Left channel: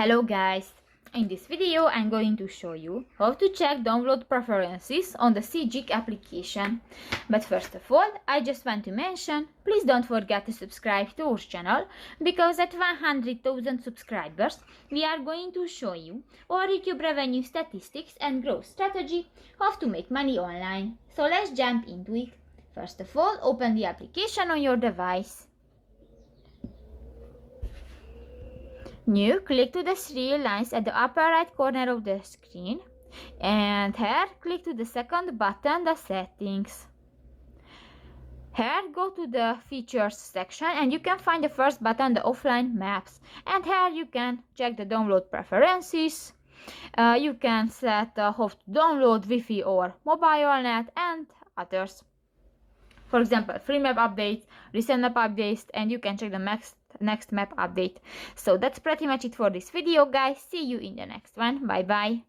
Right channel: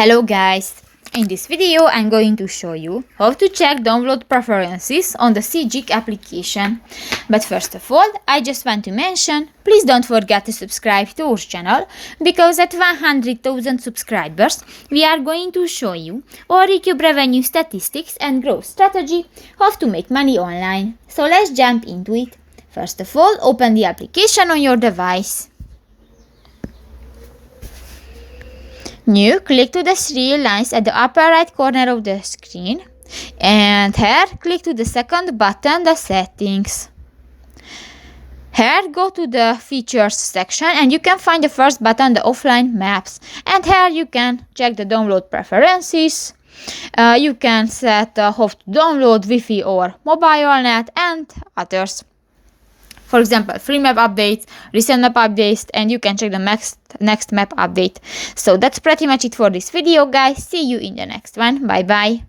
Hello guys! In this video I'm going to show you how to check download preferences on the Sygic application. But first of all, I just want to mention, please don't forget to subscribe to our channel, because at 100,000 subscribers we are going to show you our YouTube revenue statistics and growth strategy, how to make money online. So let's jump into it. First of all, open the application on your device. New, click to the three lines at the upper right corner of the screen, and here click to the second button, the settings. Here go to the features section and you can find the first button, the offline maps, and here you can check the download preferences. You can set how to download Wi-Fi or mobile net and others. For example, free map updates, recent map updates, and you can check the next map update. So that's pretty much it for this video, guys. See you in the next one. Bye bye.